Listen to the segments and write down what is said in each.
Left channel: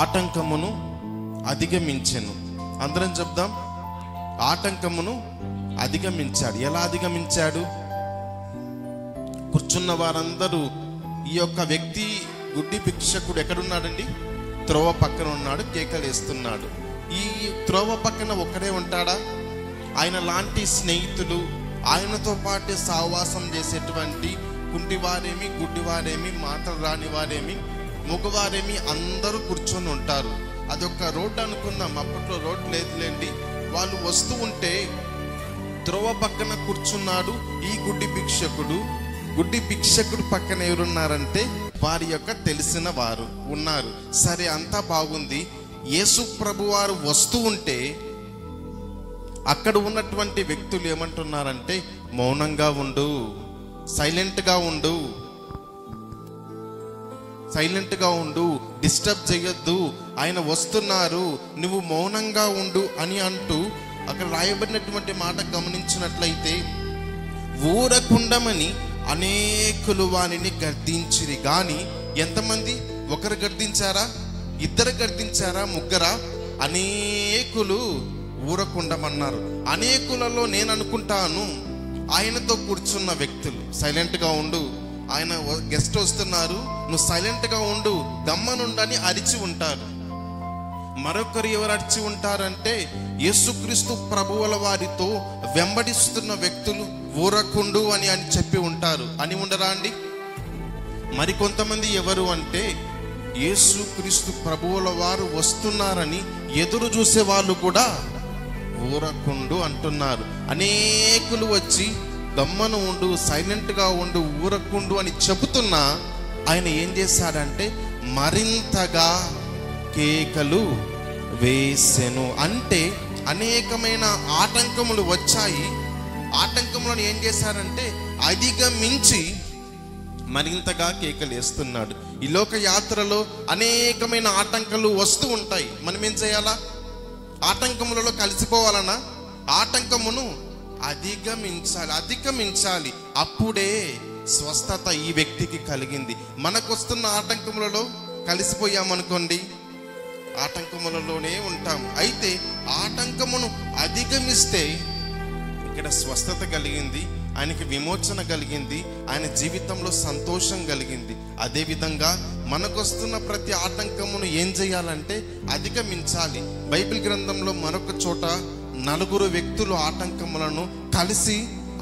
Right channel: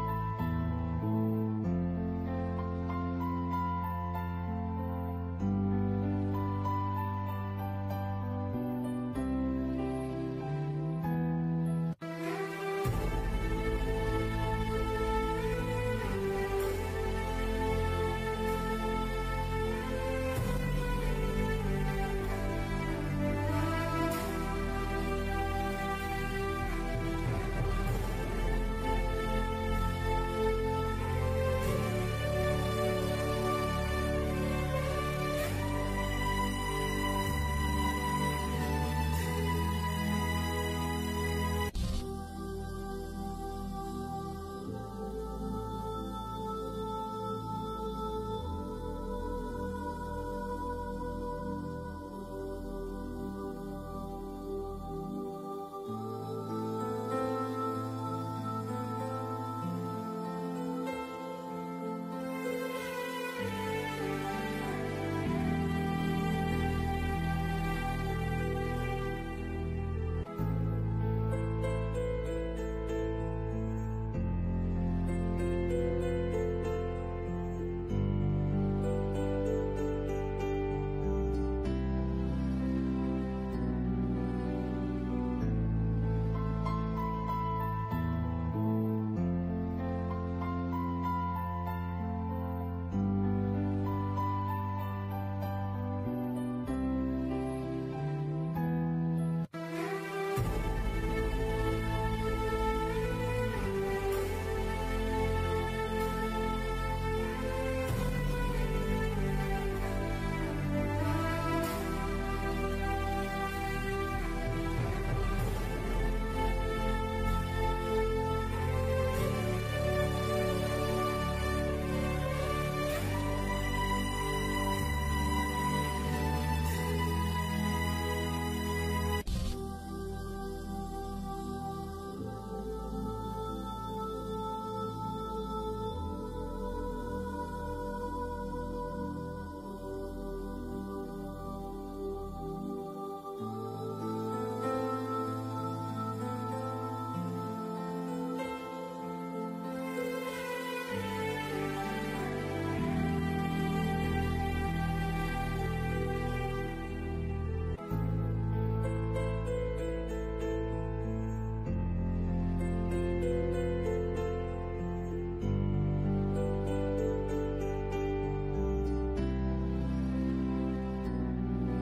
ఆటంకమును అధిగమించెను. అందరం చెప్దాం, ఆటంకమును అధిగమించాడు. ఎలా అధిగమించాడు? కూర్చున్న వారందరూ ఈ యొక్క వ్యక్తి గుడ్డి భిక్షకుడు ఎక్కడున్నాడండి? త్రోవ పక్కన ఉన్నాడు, కేకలేస్తున్నాడు. ఈ త్రోవ పక్కన ఒక్కడే ఉంటాడా? ఆయన లాంటి స్నేహితులు, ఆయనతో పాటు సహవాసం చేసేటువంటి కుంటివారేమి, గుడ్డివారేమి, మాటలు రాని వారేమి, మగవారేమి అందరూ కూర్చొని ఉంటారు. అదొక రోడ్డు అనుకుందాం, అప్పట్లో రోడ్డు లేదులేండి. వాళ్ళు వస్తూ ఉంటే త్రోవ పక్కన కూర్చున్నాడు ఈ గుడ్డి భిక్షకుడు. గుడ్డి భిక్షకుడు పక్కన ఎవరున్నారంటే వారి యొక్క తెలిసిన వారు ఉన్నారు. సరే, అంతా బాగుంది. యేసు ప్రభు వారు వస్తూ ఉంటే అక్కడ ఉన్నటువంటి వ్యక్తులు ఏమంటున్నారంటే, మౌనంగా ఉండు, సైలెంట్గా ఉండు, సైలెంట్గా ఉండు, డిస్టర్బ్ చేయొద్దు, ఆయన వస్తున్నారు, నువ్వు మౌనంగా ఉండు అని అంటూ అక్కడ రాయబడినటువంటి మాట గమనించినట్లయితే, ఊరకుండమని అనేకులు వారిని గర్దించిరి. గాని ఎంతమంది? ఒకరు గర్దించారా? ఇద్దరు గర్దించారా? ముగ్గురా? అనేకులు ఊరకుండమన్నారు. అనేకులలో నేను అనుకుంటాను ఆయనతో కూర్చున్న వ్యక్తులు సైలెంట్గా ఉండు, ఆయన గెస్ట్ వస్తున్నారు, నువ్వు సైలెంట్గా ఉండు, గమ్మనుండని అరిచి ఉంటారు. మరొకరు ఎవరు అరిచి ఉంటారంటే, యేసుక్రీస్తు ప్రభువుల వారితో వెంబడిస్తున్న వ్యక్తులు ఊరకుండు అని చెప్పి ఉంటారు. అని ఉండరా అండి? మరికొంతమంది ఎవరు అంటే, యేసుక్రీస్తు ప్రభువుల వారు వస్తున్నారని ఎదురు చూసే వాళ్ళు కూడా ఊరకుండు అంటున్నారు. అనేకులు వచ్చి గమ్మను ఉండు, సైలెంట్గా ఉండు, ఊరకుండు అని చెబుతున్నా ఆయన ఏం చేశాడంటే మరింతగా కేకలు వేసెను. అంటే అనేకమైన ఆటంకములు వచ్చాయి. ఆటంకములను ఏం చేశారంటే అధిగమించి మరింతగా కేకలు వేస్తున్నాడు. ఈ లోక యాత్రలో అనేకమైన ఆటంకాలు వస్తూ ఉంటాయి. మనం ఏం చేయాలా? ఆటంకములలో కలిసిపోవాలన్నా ఆటంకమును అధిగమించాలి. అప్పుడే స్వస్థత ఈ వ్యక్తికి కలిగింది. మనకు వస్తున్న ఆటంకములలో కలిసిపోయామనుకోండి, ఆటంకములలోనే ఉంటాము. అయితే ఆటంకమును అధిగమిస్తే ఇక్కడ స్వస్థత కలిగింది, ఆయనకి విమోచన కలిగింది, ఆయన జీవితంలో సంతోషం కలిగింది. అదేవిధంగా మనకొస్తున్న ప్రతి ఆటంకమును ఏం చేయాలంటే అధిగమించాలి. బైబిల్ గ్రంథంలో మరొక చోట 4 వ్యక్తులు ఆటంకములను కలిసి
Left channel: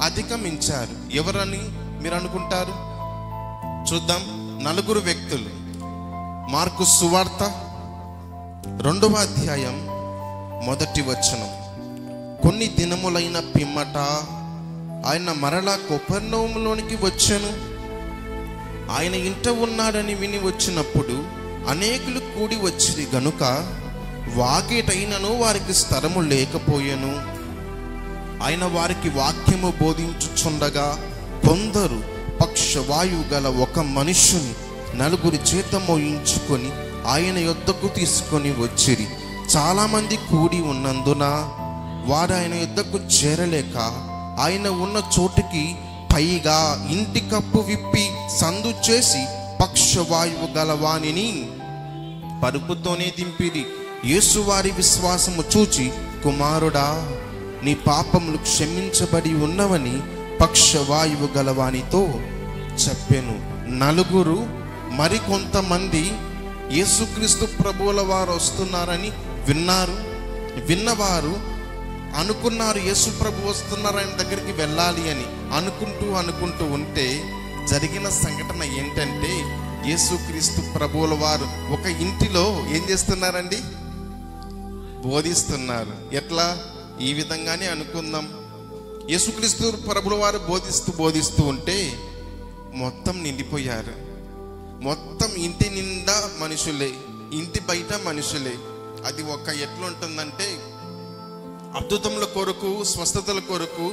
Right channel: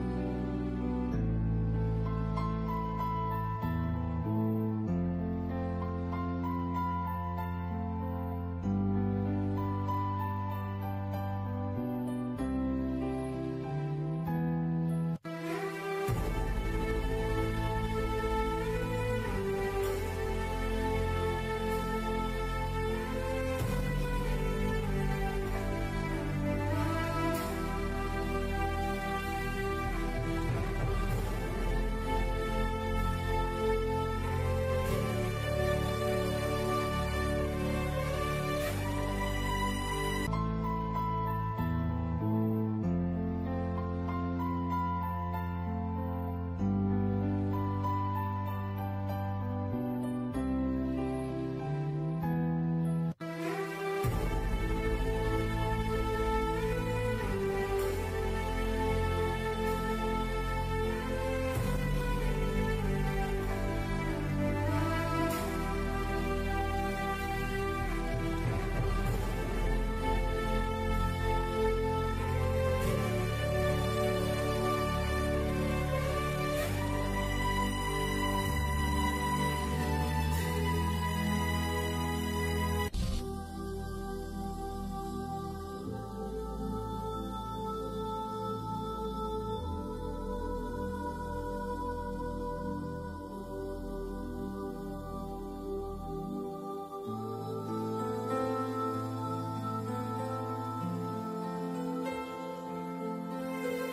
అధిగమించారు. ఎవరని మీరు అనుకుంటారు? చూద్దాం. 4 వ్యక్తులు. మార్కు సువార్త 2వ అధ్యాయం 1వ వచనం. కొన్ని దినములైన పిమ్మట ఆయన మరలా కపెర్నౌములోనికి వచ్చెను. ఆయన ఇంట ఉన్నాడని విని వచ్చినప్పుడు అనేకులు కూడి వచ్చిరి గనుక వాకిటైనను వారికి స్థలము లేకపోయెను. ఆయన వారికి వాక్యము బోధించుచుండగా కొందరు పక్షవాయువు గల ఒక మనుష్యుని 4 చేత మోయించుకొని ఆయన యొద్దకు తీసుకొని వచ్చిరి. చాలా మంది కూడి ఉన్నందున వారు ఆయన యొద్దకు చేరలేక ఆయన ఉన్న చోటుకి పైగా ఇంటి కప్పు విప్పి సందు చేసి పక్షవాయువు గలవానిని పరుపుతోనే దింపిరి. యేసు వారి విశ్వాసము చూచి, కుమారుడా, నీ పాపములు క్షమించబడి ఉన్నవని పక్షవాయువు గలవానితో చెప్పెను. 4 మరికొంతమంది యేసుక్రీస్తు ప్రభువుల వారు వస్తున్నారని విన్నారు. విన్నవారు అనుకున్నారు యేసు ప్రభు వస్తున్నారు, ఆయన దగ్గరికి వెళ్ళాలి అని అనుకుంటూ ఉంటే జరిగిన సంఘటన ఏంటంటే, యేసుక్రీస్తు ప్రభువుల వారు ఒక ఇంటిలో ఏం చేస్తున్నారండి? బోధిస్తున్నారు. ఎట్లా? ఈ విధంగానే అనుకుందాం. యేసుక్రీస్తు ప్రభువుల వారు బోధిస్తూ ఉంటే మొత్తం నిండిపోయారు. మొత్తం ఇంటి నిండా మనుషులే, ఇంటి బయట మనుషులే. అది ఒక ఎట్లుంటుందంటే, అద్భుతముల కొరకు, స్వస్థతల కొరకు,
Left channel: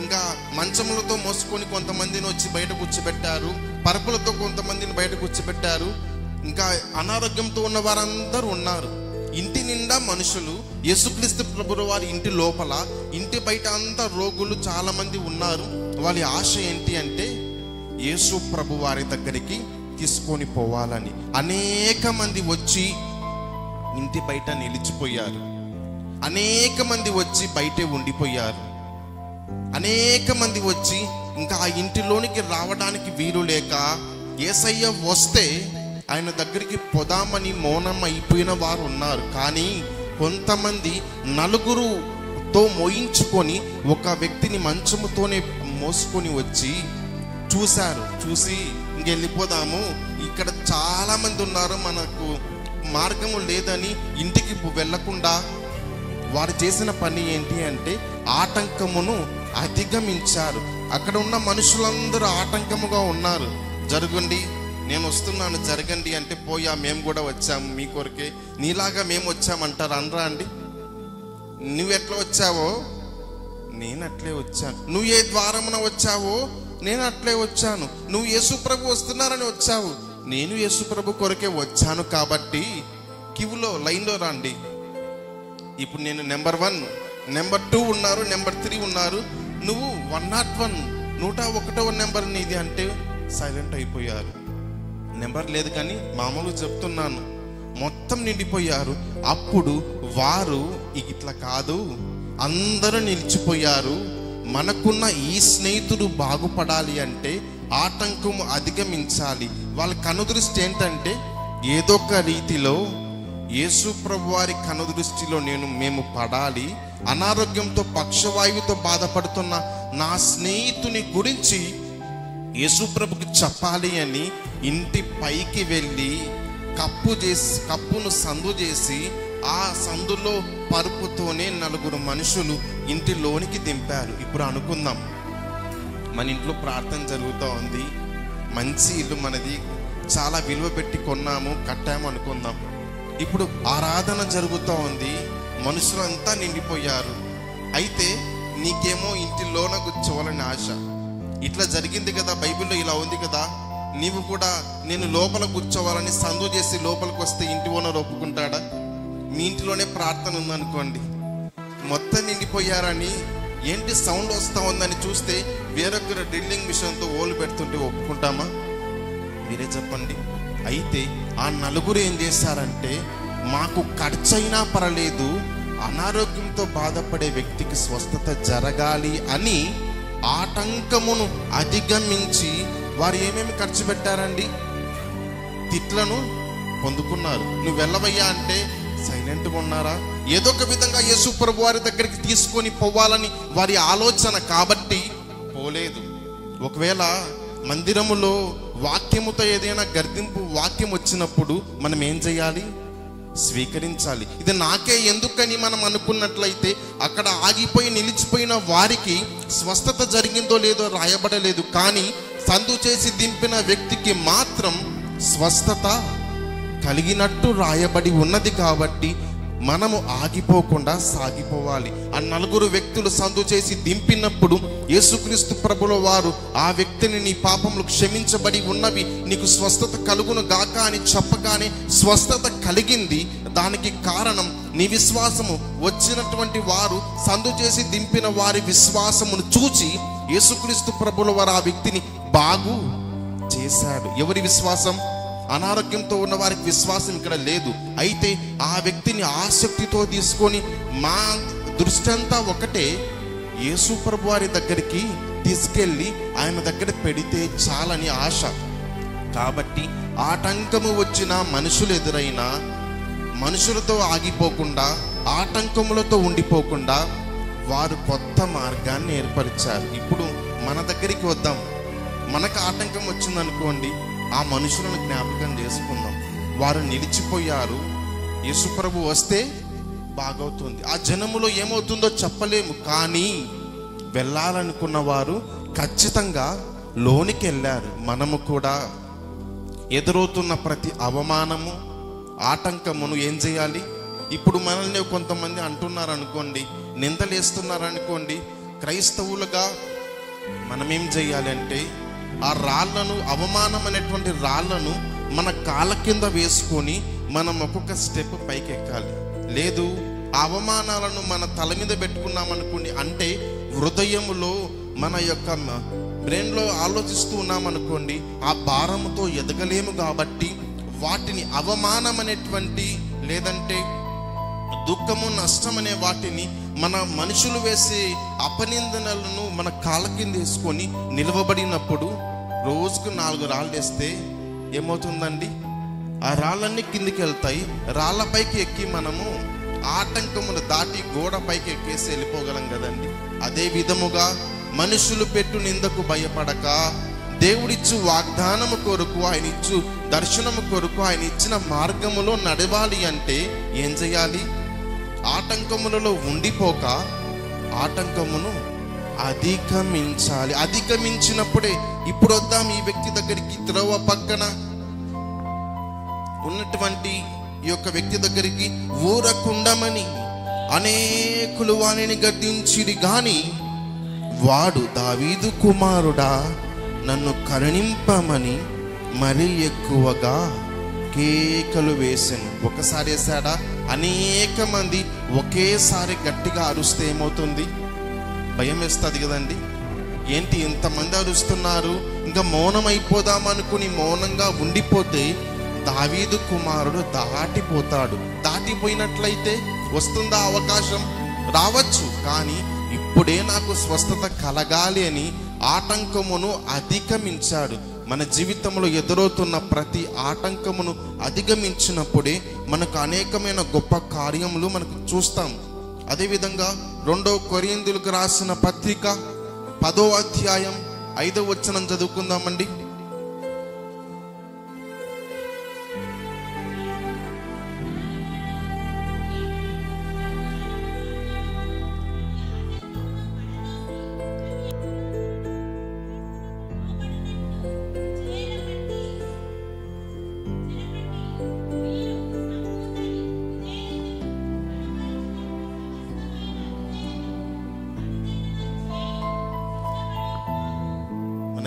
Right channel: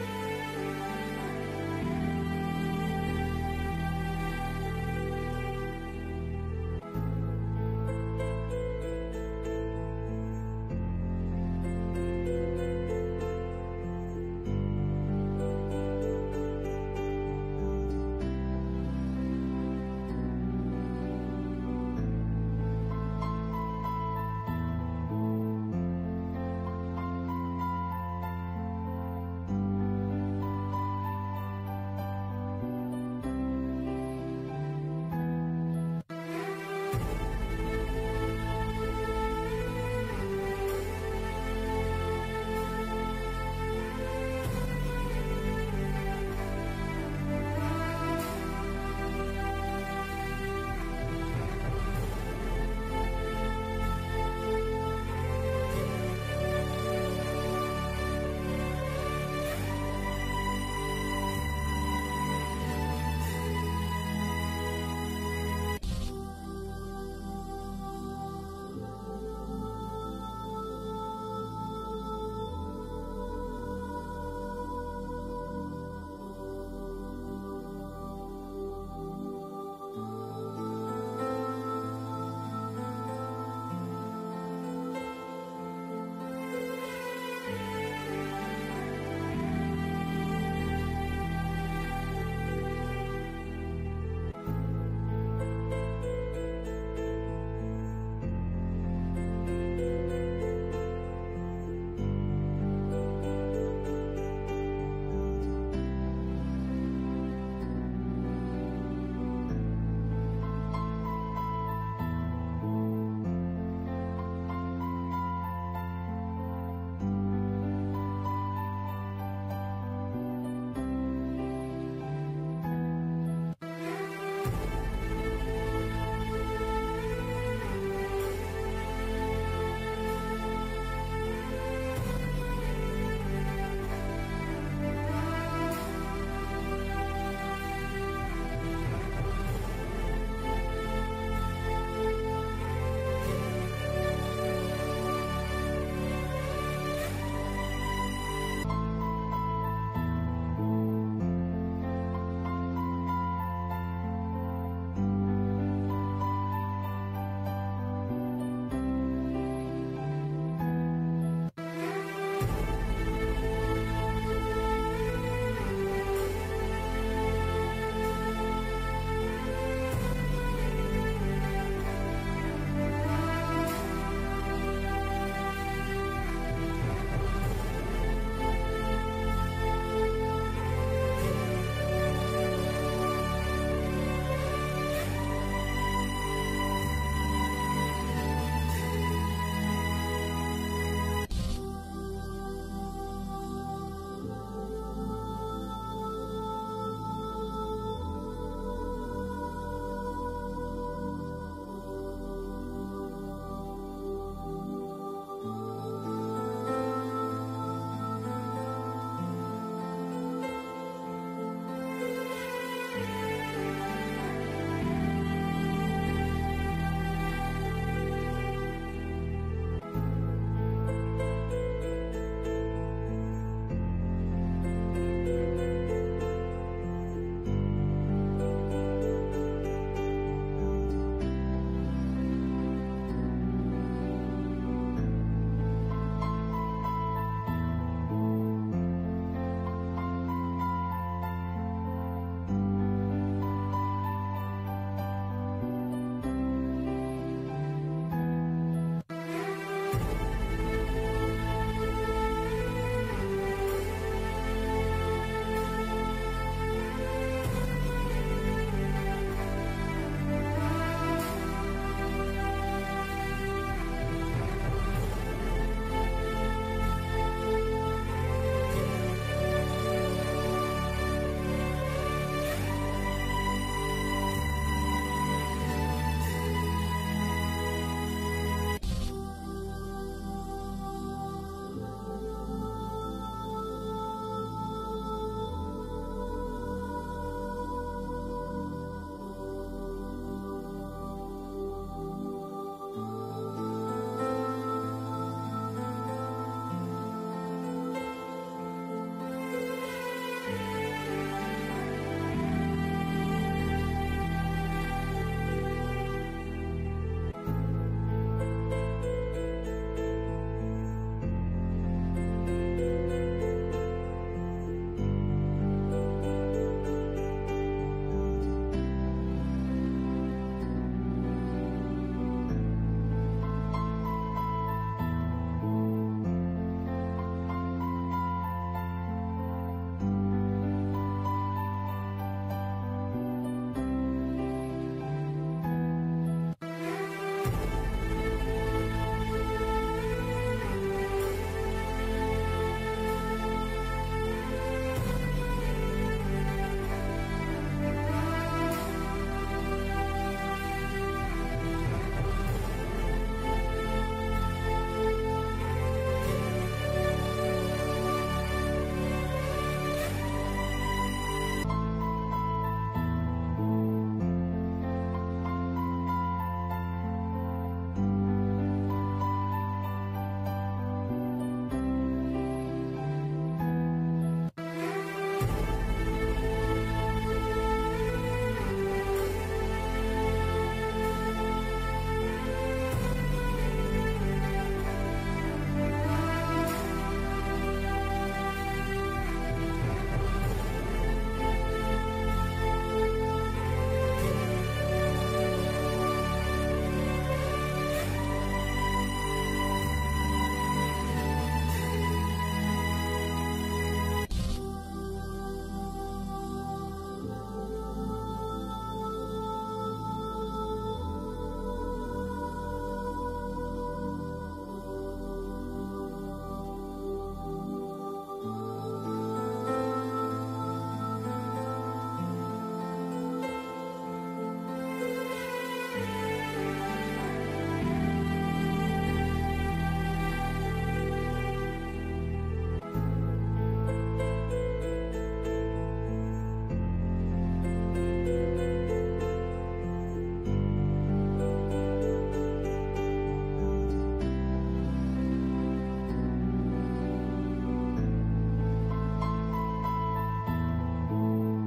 ఇంకా మంచములతో మోసుకొని కొంతమందిని వచ్చి బయట కూర్చోబెట్టారు, పరుపులతో కొంతమందిని బయట కూర్చోబెట్టారు, ఇంకా అనారోగ్యంతో ఉన్న వారందరూ ఉన్నారు. ఇంటి నిండా మనుషులు. యేసుక్రీస్తు ప్రభువు వారి ఇంటి లోపల, ఇంటి బయట అంతా రోగులు చాలా మంది ఉన్నారు. వాళ్ళ ఆశ ఏంటి అంటే యేసు ప్రభు వారి దగ్గరికి తీసుకొని పోవాలని. అనేక మంది వచ్చి ఇంటి బయట నిలిచిపోయారు. అనేక మంది వచ్చి బయటే ఉండిపోయారు. అనేక మంది వచ్చి ఇంకా ఆ ఇంటిలోనికి రావడానికి వీలు లేక యేసయ్య వస్తే ఆయన దగ్గరికి పొదామని మౌనం అయిపోయిన వారు ఉన్నారు. కానీ కొంతమంది నలుగురుతో మోయించుకొని ఒక వ్యక్తిని మంచముతోనే మోసుకొని వచ్చి చూశారు. చూసి ఇంకెళ్ళిపోదాము, ఇక్కడ చాలా మంది ఉన్నారు, మనకు మార్గము లేదని ఇంటికి వెళ్ళకుండా వారు చేసిన పని ఏంటి అంటే ఆటంకమును అధిగమించారు. అక్కడ ఉన్న మనుషులందరూ ఆటంకముగా ఉన్నారు. జరగండి, నేను వస్తున్నాను, జరగండి అంటే పోయా, మేము కూడా వచ్చాము మీ కొరకే, నీలాగా మేము వచ్చామంటారు. అనరా అండి? నువ్వెట్లా వచ్చావో నేను అట్లే వచ్చాను, నువ్వు ఏ ద్వారమున వచ్చావో నేను అట్లే వచ్చాను, నువ్వు యేసు ప్రభు వస్తున్నారని వచ్చావు, నేను యేసు ప్రభు కొరకే వచ్చాను, కాబట్టి క్యూలో లైన్లో రండి. ఇప్పుడు నేను నెంబర్ 1, నెంబర్ 2 ఉన్నారు, నెంబర్ 3 ఉన్నారు, నువ్వు 101, 101వ నెంబర్ నీది అంటే సైలెంట్ అయిపోయారు. నెంబర్ లేదు కానీ మామూలుగా చెప్తున్నాను, మొత్తం నిండిపోయారు. అప్పుడు వారు ఇట్లా కాదు, అందరూ నిలిచిపోయారు, మనకున్న ఈ స్నేహితుడు బాగుపడాలి అంటే ఆటంకం అధిగమించాలి. వాళ్ళ కనుదృష్టి ఏంటంటే ఏదో ఒక రీతిలో యేసు ప్రభు వారి కనుదృష్టిలో మేము పడాలి, అనారోగ్యంతో పక్షవాయువుతో బాధపడుతున్న నా స్నేహితుని గురించి యేసు ప్రభుకి చెప్పాలి అని ఇంటి పైకి వెళ్ళి కప్పును సందు చేసి ఆ సందులో పరుపుతోనే 4 మనుషులు ఇంటిలోనికి దింపారు. ఇప్పుడు అనుకుందాం, మన ఇంట్లో ప్రార్థన జరుగుతూ ఉంది, మంచి ఇల్లు మనది, చాలా విలువ పెట్టి కొన్నాము, కట్టాము అనుకుందాం. ఇప్పుడు ఆరాధన జరుగుతూ ఉంది, మనుషులంతా నిండిపోయారు. అయితే నీకేమో ఇంటిలోన కూర్చోవాలని ఆశ. ఇట్లా జరిగింది కదా, బైబిల్లో ఇలా ఉంది కదా, నీవు కూడా నేను లోపల కూర్చోవాలని సందు చేసి లోపలికి వస్తే ఇంటి ఓనర్ ఒప్పుకుంటాడా? మీ ఇంటిలోనే ప్రార్థన ఉందనుకోండి, మొత్తం నిండిపోయారని ఏంటి సౌండ్ వస్తూ ఉందని చూస్తే వేరొకరు డ్రిల్లింగ్ మిషన్తో ఓలు పెడుతుంటే ఒప్పుకుంటామా? మీరే చెప్పండి. అయితే ఆ 4 ఏం చేశారంటే, మాకు ఖర్చైనా పర్లేదు, అనారోగ్యంతో బాధపడే వ్యక్తికి స్వస్థత జరగాలి అని ఆటంకమును అధిగమించి వారు ఏమేమి ఖర్చు పెట్టారండి? తిట్లను పొందుకున్నారు. నువ్వు వెళ్ళవయ్యా అంటే సైలెంట్గా ఉన్నారా? ఏదో ఒక విధంగా యేసు ప్రభు వారి దగ్గరికి తీసుకొని పోవాలని వారి ఆలోచన కాబట్టి పోలేదు. ఒకవేళ మందిరములో వాక్యముతో ఏదైనా గర్దింపు వాక్యం వచ్చినప్పుడు మనం ఏం చేయాలి? స్వీకరించాలి. ఇది నాకే ఎందుకని మనం అనుకున్నట్లయితే అక్కడ ఆగిపోయి నిలిచిపోయిన వారికి స్వస్థత జరిగిందో లేదో రాయబడలేదు, కానీ సందు చేసి దింపిన వ్యక్తికి మాత్రం స్వస్థత కలిగినట్టు రాయబడి ఉన్నది. కాబట్టి మనము ఆగిపోకుండా సాగిపోవాలి. ఆ 4 వ్యక్తులు సందు చేసి దింపినప్పుడు యేసుక్రీస్తు ప్రభుల వారు ఆ వ్యక్తిని నీ పాపములు క్షమించబడి ఉన్నవి, నీకు స్వస్థత కలుగును గాక అని చెప్పగానే స్వస్థత కలిగింది. దానికి కారణం నీ విశ్వాసము. వచ్చినటువంటి వారు సందు చేసి దింపిన వారి విశ్వాసమును చూచి యేసుక్రీస్తు ప్రభుల వారు ఆ వ్యక్తిని బాగు చేశాడు. ఎవరి విశ్వాసం? అనారోగ్యంతో ఉన్న వారికి విశ్వాసం ఇక్కడ లేదు. అయితే ఆ వ్యక్తిని ఆసక్తితో తీసుకొని మా దృష్టి అంతా ఒకటే, యేసు ప్రభు వారి దగ్గరికి తీసుకెళ్ళి ఆయన దగ్గర పెడితే చాలని ఆశ. కాబట్టి ఆటంకము వచ్చిన మనుషులు ఎదురైనా మనుషులతో ఆగిపోకుండా, ఆటంకములతో ఉండిపోకుండా వారు కొత్త మార్గాన్ని ఏర్పరిచారు. ఇప్పుడు మన దగ్గరికి వద్దాం. మనకు ఆటంకం వచ్చిందనుకోండి, ఆ మనుషులను జ్ఞాపకం చేసుకుందాం. వారు నిలిచిపోయారు, యేసు ప్రభు వస్తే బాగవుతుంది. ఆ జనములో ఏమవుతుందో చెప్పలేము, కానీ వెళ్ళాలనుకున్న వారు ఖచ్చితంగా లోనికి వెళ్ళారు. మనము కూడా ఎదురవుతున్న ప్రతి అవమానము, ఆటంకమును ఏం చేయాలి? ఇప్పుడు మనల్ని కొంతమంది అంటున్నారు అనుకోండి, నిందలేస్తున్నారు అనుకోండి, క్రైస్తవులుగా మనం ఏం చేయాలి అంటే ఆ రాళ్లను, అవమానం అనేటువంటి రాళ్లను మన కాళ్ళ కింద వేసుకొని మనం ఒక్కొక్క స్టెప్ పైకి ఎక్కాలి. లేదు, ఆ అవమానాలను మన తల మీద పెట్టుకున్నామనుకోండి, అంటే హృదయములో మన యొక్క బ్రెయిన్లో ఆలోచిస్తూ ఉన్నామనుకోండి, ఆ భారముతో ఎదగలేము. కాబట్టి వాటిని అవమానం అనేటువంటి లేదంటే దుఃఖము, నష్టం అనే వాటిని మన మనుషులు వేసే అపనిందనలను మన కాళ్ళ కింద వేసుకొని నిలవబడినప్పుడు రోజుకు 4 రాళ్ళు వేస్తే ఏమవుతుందండి? ఆ రాళ్ళన్నీ కిందికి వెళ్తాయి. రాళ్ళపైకి ఎక్కి మనము ఆటంకమును దాటి గోడ పైకి ఎక్కేసి వెళ్ళిపోగలం కదండి. అదే విధముగా మనుషులు పెట్టు నిందకు భయపడక దేవుడిచ్చు వాగ్దానము కొరకు, ఆయన ఇచ్చు దర్శనము కొరకు, ఆయన ఇచ్చిన మార్గములో నడవాలి అంటే ఏం చేయాలి? ఆటంకములలో ఉండిపోక ఆటంకమును అధిగమించాలి. అధిగమించినప్పుడే ఇప్పుడు వద్దాం ఈ వ్యక్తి దగ్గరికి, త్రోవ పక్కన ఉన్నటువంటి ఈ యొక్క వ్యక్తి దగ్గరికి. ఊరకుండమని అనేకులు వానిని గద్దించిరి గాని వాడు దావీదు కుమారుడా నన్ను కరుణింపమని మరీ ఎక్కువగా కేకలు వేసాను. ఒకసారి వేసాడా? అనేక మంది ఒకేసారి గట్టిగా అరుస్తే ఏమవుతుంది? భయం వేస్తుంది కదండి. ఏంటి ఇంతమంది అరుస్తున్నారు, ఇంకా మౌనం అయిపోదాం అనుకుని మౌనంగా ఉండిపోతే దావీదు కుమారుడు దాటిపోతాడు. దాటిపోయినట్లయితే వస్తుందా అవకాశం? రావచ్చు. కానీ ఇప్పుడే నాకు స్వస్థత కలగాలి అని ఆటంకమును అధిగమించాడు. మన జీవితంలో ఎదురవుతున్న ప్రతి ఆటంకమును అధిగమించినప్పుడే మనకు అనేకమైన గొప్ప కార్యములు మనకు చూస్తాం. అదేవిధంగా 2 కొరింథీయులకు రాసిన పత్రిక 10వ అధ్యాయం 5వ వచనం చదువుకుందామండి.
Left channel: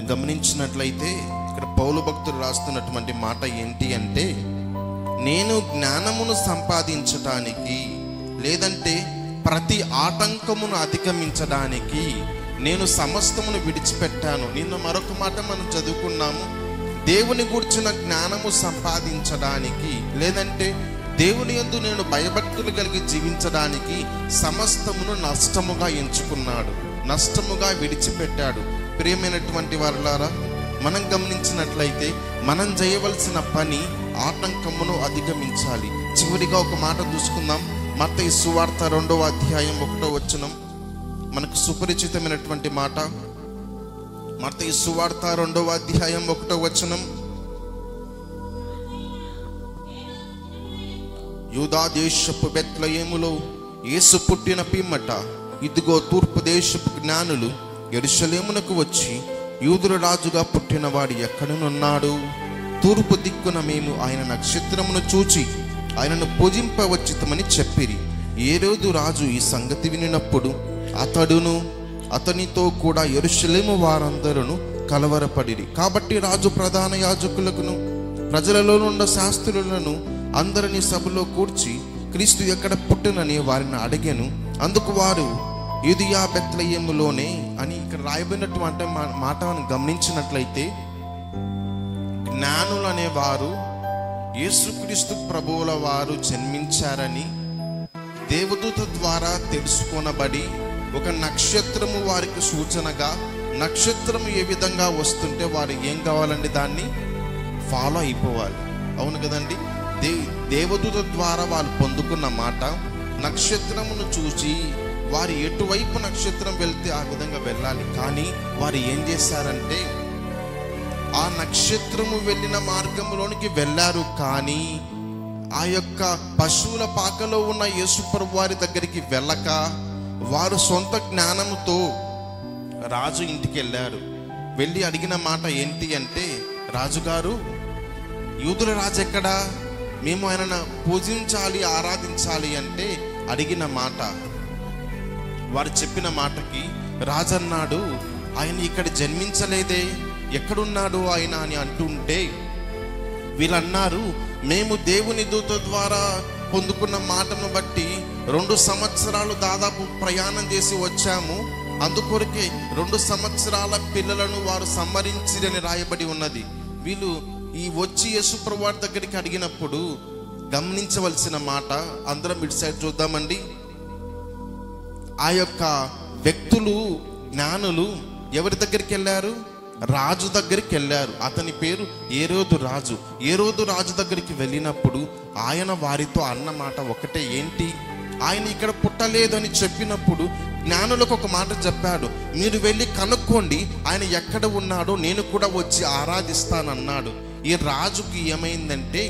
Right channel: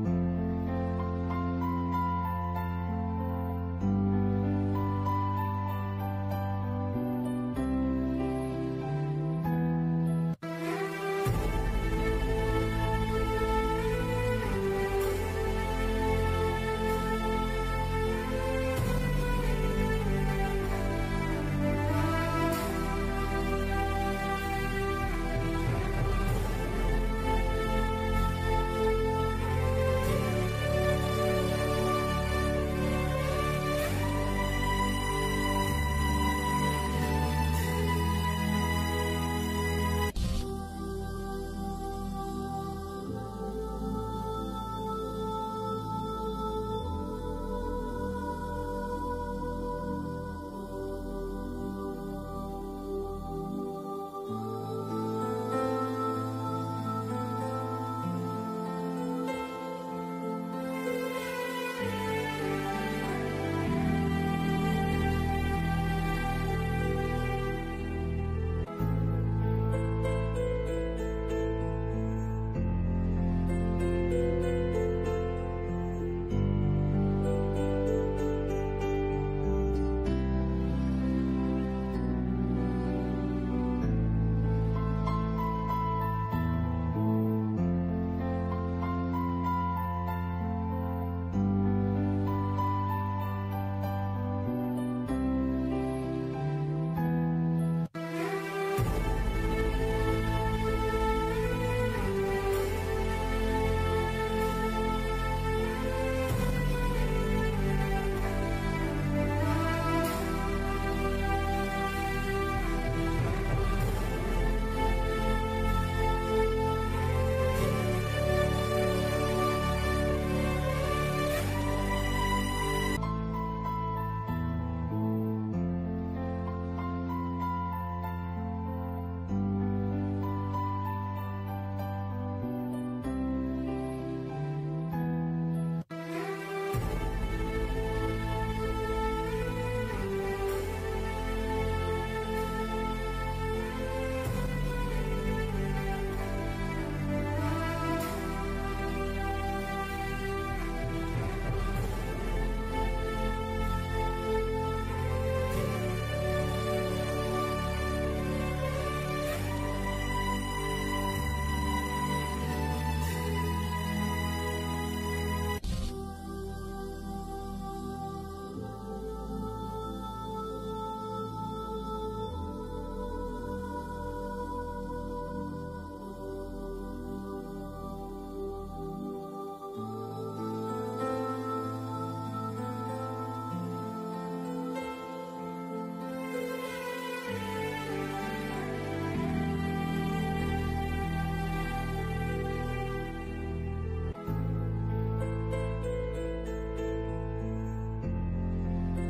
గమనించినట్లయితే ఇక్కడ పౌలు భక్తుడు రాస్తున్నటువంటి మాట ఏంటి అంటే, నేను జ్ఞానమును సంపాదించడానికి, లేదంటే ప్రతి ఆటంకమును అధిగమించడానికి నేను సమస్తమును విడిచిపెట్టాను. నిన్న మరొక మాట మనం చదువుకున్నాము, దేవుని గురించిన జ్ఞానము సంపాదించడానికి, లేదంటే దేవుని యందు నేను భయభక్తులు కలిగి జీవించడానికి సమస్తమును నష్టముగా ఎంచుకున్నాడు, నష్టముగా విడిచిపెట్టాడు. ప్రియమైనటువంటి వారలారా, మనం గమనించినట్లయితే మనం చేయవలసిన పని ఆటంకమును అధిగమించాలి. చివరిగా ఒక మాట చూసుకుందాం. మత్తయి సువార్త 2వ అధ్యాయం 1వ వచనం మనకు సుపరిచితమైనటువంటి మాట. మత్తయి సువార్త 2వ అధ్యాయం 1వ వచనం, యూదా దేశపు బెత్లెహేములో యేసు పుట్టిన పిమ్మట ఇదిగో తూర్పు దేశపు జ్ఞానులు యెరూషలేమునకు వచ్చి, యూదుల రాజుగా పుట్టిన వాడు ఎక్కడనున్నాడు? తూర్పు దిక్కున మేము ఆయన నక్షత్రమును చూచి ఆయనను పూజింపవచ్చితమని చెప్పిరి. హేరోదు రాజు ఈ సంగతి వినినప్పుడు అతడును అతనితో కూడా యెరూషలేము వారందరూ కలవరపడిరి. కాబట్టి రాజు ప్రధాన యాజకులకును ప్రజలలో ఉన్న శాస్త్రులను అందరినీ సభలో కూర్చి క్రీస్తు ఎక్కడ పుట్టునని వారిని అడిగాను. అందుకు వారు యూదయ బెత్లెహేములోనే అని ఇక్కడ రాయబడినటువంటి మాట మనం గమనించినట్లయితే, జ్ఞానులు అనేవారు యేసుక్రీస్తు ప్రభువుల వారు జన్మించారని దేవదూత ద్వారా తెలుసుకొనబడి, ఒక నక్షత్రము వారికి సూచనగా, నక్షత్రము ఏ విధంగా వస్తుంటే వారు ఏం కావాలండి దాన్ని ఫాలో అయిపోవాలి. అవును కదండి. దేవదూత ద్వారా వాళ్ళు పొందుకున్న మాట, నక్షత్రమును చూసి వారు ఎటువైపు నక్షత్రం వెళ్తే ఆ విధంగా వెళ్ళాలి. కానీ వారు ఏం చేశారంటే ఆ నక్షత్రము వెళ్ళిన మార్గంలోనికి వెళ్ళారు. కానీ ఆ యొక్క పశువుల పాకలో ఉన్న యేసుప్రభు వారి దగ్గరికి వెళ్ళక వారు సొంత జ్ఞానముతో రాజు ఇంటికి వెళ్ళారు. వెళ్ళి అడిగిన మాట ఏంటి అంటే, రాజుగారు, యూదుల రాజు ఎక్కడా? మేము ఆయనను పూజించాలి, ఆరాధించాలి అంటే అడిగిన మాట, వారు చెప్పిన మాటకి రాజన్నాడు, ఆయన ఇక్కడ జన్మించలేదే, ఎక్కడున్నాడు ఆయన అని అంటుంటే వీళ్ళన్నారు, మేము దేవుని దూత ద్వారా పొందుకున్న మాటను బట్టి 2 సంవత్సరాలు దాదాపు ప్రయాణం చేసి వచ్చాము, అందుకొరకే 2 సంవత్సరాల పిల్లలను వారు సంహరించిరని రాయబడి ఉన్నది. వీళ్ళు ఈ వచ్చి యేసుప్రభు వారి దగ్గరికి అడిగినప్పుడు గమనించవలసిన మాట. అందరం ఇటు సైడ్ చూద్దామండి. ఆ యొక్క వ్యక్తులు, జ్ఞానులు ఎవరి దగ్గరికి వెళ్ళారు? రాజు దగ్గరికి వెళ్ళారు. అతని పేరు ఏరోదు రాజు. ఏరోదు రాజు దగ్గరికి వెళ్ళినప్పుడు ఆయన వారితో అన్న మాట ఒకటే, ఏంటి? ఆయన ఇక్కడ పుట్టలేదు అని చెప్పినప్పుడు జ్ఞానులకు ఒక మాట చెప్పాడు, మీరు వెళ్ళి కనుక్కోండి, ఆయన ఎక్కడ ఉన్నాడో నేను కూడా వచ్చి ఆరాధిస్తానన్నాడు. ఈ రాజుకి ఏమైందంటే,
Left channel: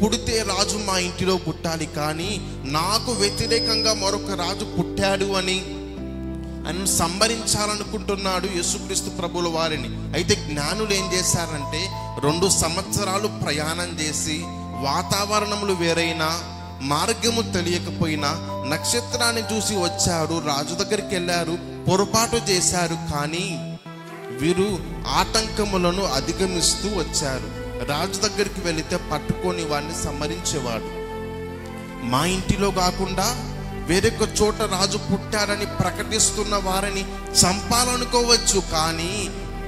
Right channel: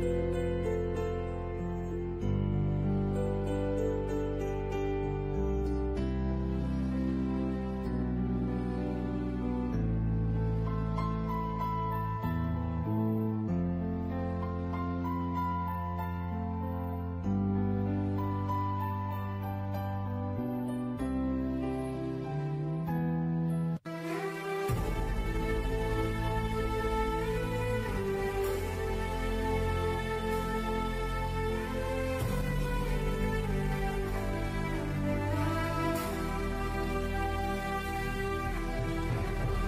పుడితే రాజు మా ఇంటిలో పుట్టాలి, కానీ నాకు వ్యతిరేకంగా మరొక రాజు పుట్టాడు అని ఆయన సంబరించాలనుకుంటున్నాడు యేసుక్రీస్తు ప్రభుల వారిని. అయితే జ్ఞానులు ఏం చేశారంటే, 2 సంవత్సరాలు ప్రయాణం చేసి, వాతావరణములు వేరైనా, మార్గము తెలియకపోయినా నక్షత్రాన్ని చూసి వచ్చారు, రాజు దగ్గరికి వెళ్ళారు, పొరపాటు చేశారు. కానీ వీరు ఆటంకములను అధిగమిస్తూ వచ్చారు. రాజు దగ్గరికి వెళితే పట్టుకొని వారిని సంహరించేవాడు. మా ఇంటిలో కాకుండా వేరొక చోట రాజు పుట్టారని ప్రకటిస్తున్న వారిని చంపాలనుకోవచ్చు, కానీ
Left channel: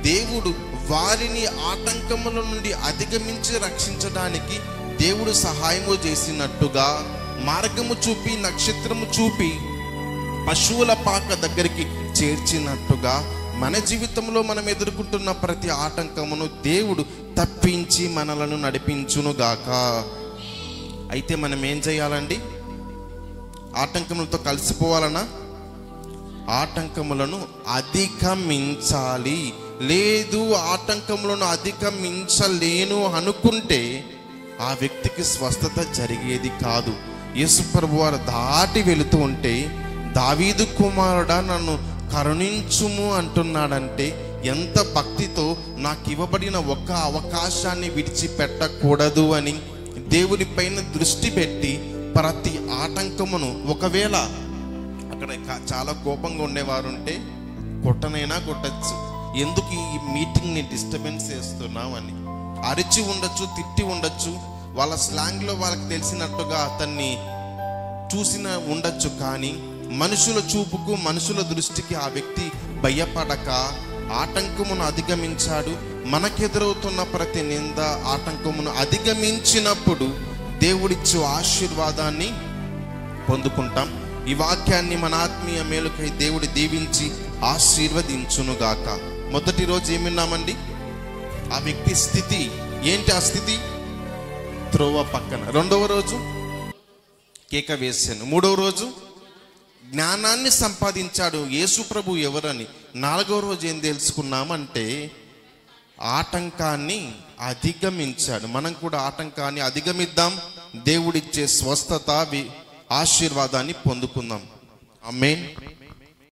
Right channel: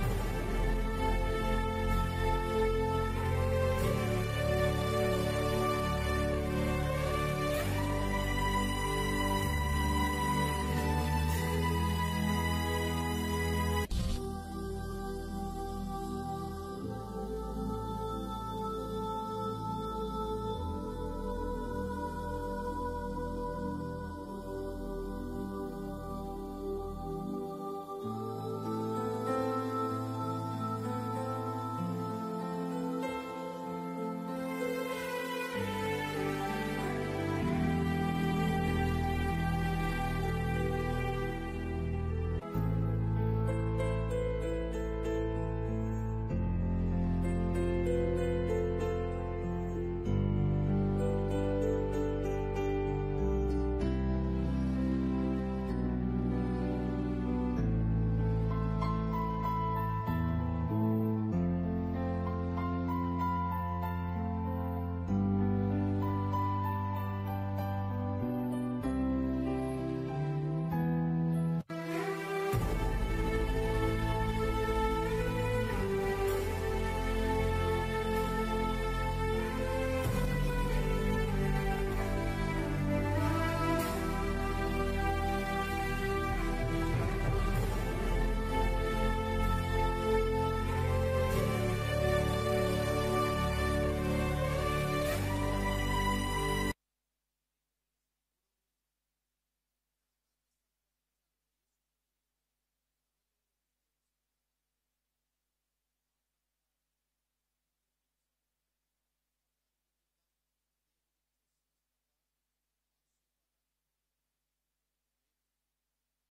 దేవుడు వారిని ఆటంకముల నుండి అధిగమించి రక్షించడానికి దేవుడు సహాయము చేసినట్టుగా, మార్గము చూపి, నక్షత్రము చూపి పశువుల పాక దగ్గరికి చేర్చినట్టుగా మన జీవితంలో మనం ఎదుర్కొంటున్న ప్రతి ఆటంకమును దేవుడు తప్పించి మనలను నడిపించునుగాక. అయితే మనం ఏం చేయాలండి? ఆటంకములతో కలిసిపోవాలన్నా ఆటంకములను అధిగమించాలి. లేదు, ఆటంకములను అధిగమించలేను అనుకుంటే ఆ వ్యక్తికి స్వస్థత జరిగేది కాదు. యేసు ప్రభువారు దాటి వెళుతూ ఉంటే, దావీదు కుమారుడా నన్ను కరుణించుము అంటున్నాడంటే ఎంత భక్తితో, నాకు ఇవ్వబడిన ఒక అవకాశాన్ని విడిచిపెట్టకూడదు అని దేవుని పైన దృష్టి పెట్టి ప్రతి ఆటంకమును, ఒకవేళ అక్కడ చాలా కోపంగా ఉండేవారు ఉంటే కొట్టనైనా కొట్టచ్చు, ఎందుకు ఈ మీటింగ్ని డిస్టర్బెన్స్ చేస్తున్నావు అని అరిచి ఉండొచ్చు, తిట్టి ఉండొచ్చు, వాళ్ళ స్లాంగ్లో వాళ్ళకి తెలిసినట్టుగా అతన్ని చూసిన ఉండొచ్చు. కానీ మనుషుల చూపుకు, మనుషుల దృష్టికి ఆ వ్యక్తి భయపడక ఆటంకమును అధిగమించాడు. మనకెదురవుతున్న ప్రతి నింద, ఆటంకమును అధిగమించినప్పుడు దేవుడిచ్చు ఆశీర్వాదాన్ని పొందుకుంటాం. ఈ వాక్యాన్ని మన ఆత్మీయ మేలుకై దేవుడి దీవించి ఆశీర్వదించునుగాక. మొదటి రోజు ఏమిన్నామండి? ఆ వ్యక్తి స్థితి ఏంటి? ఆ స్థితి త్రోవ పక్కన. 2వ రోజు కేక వేశాను. 3వ రోజు జ్ఞానాన్ని సంపాదించాడు. యేసు ప్రభు ఎవరని. 4వ రోజు ఏం తెలుసుకున్నామంటే ఆటంకాన్ని అధిగమించాడు. మనం కూడా ఆటంకాన్ని అధిగమిద్దాం. దేవుడిచ్చే స్వస్థత, ఆశీర్వాదాన్ని పొందుకుందాం. ఆమేన్.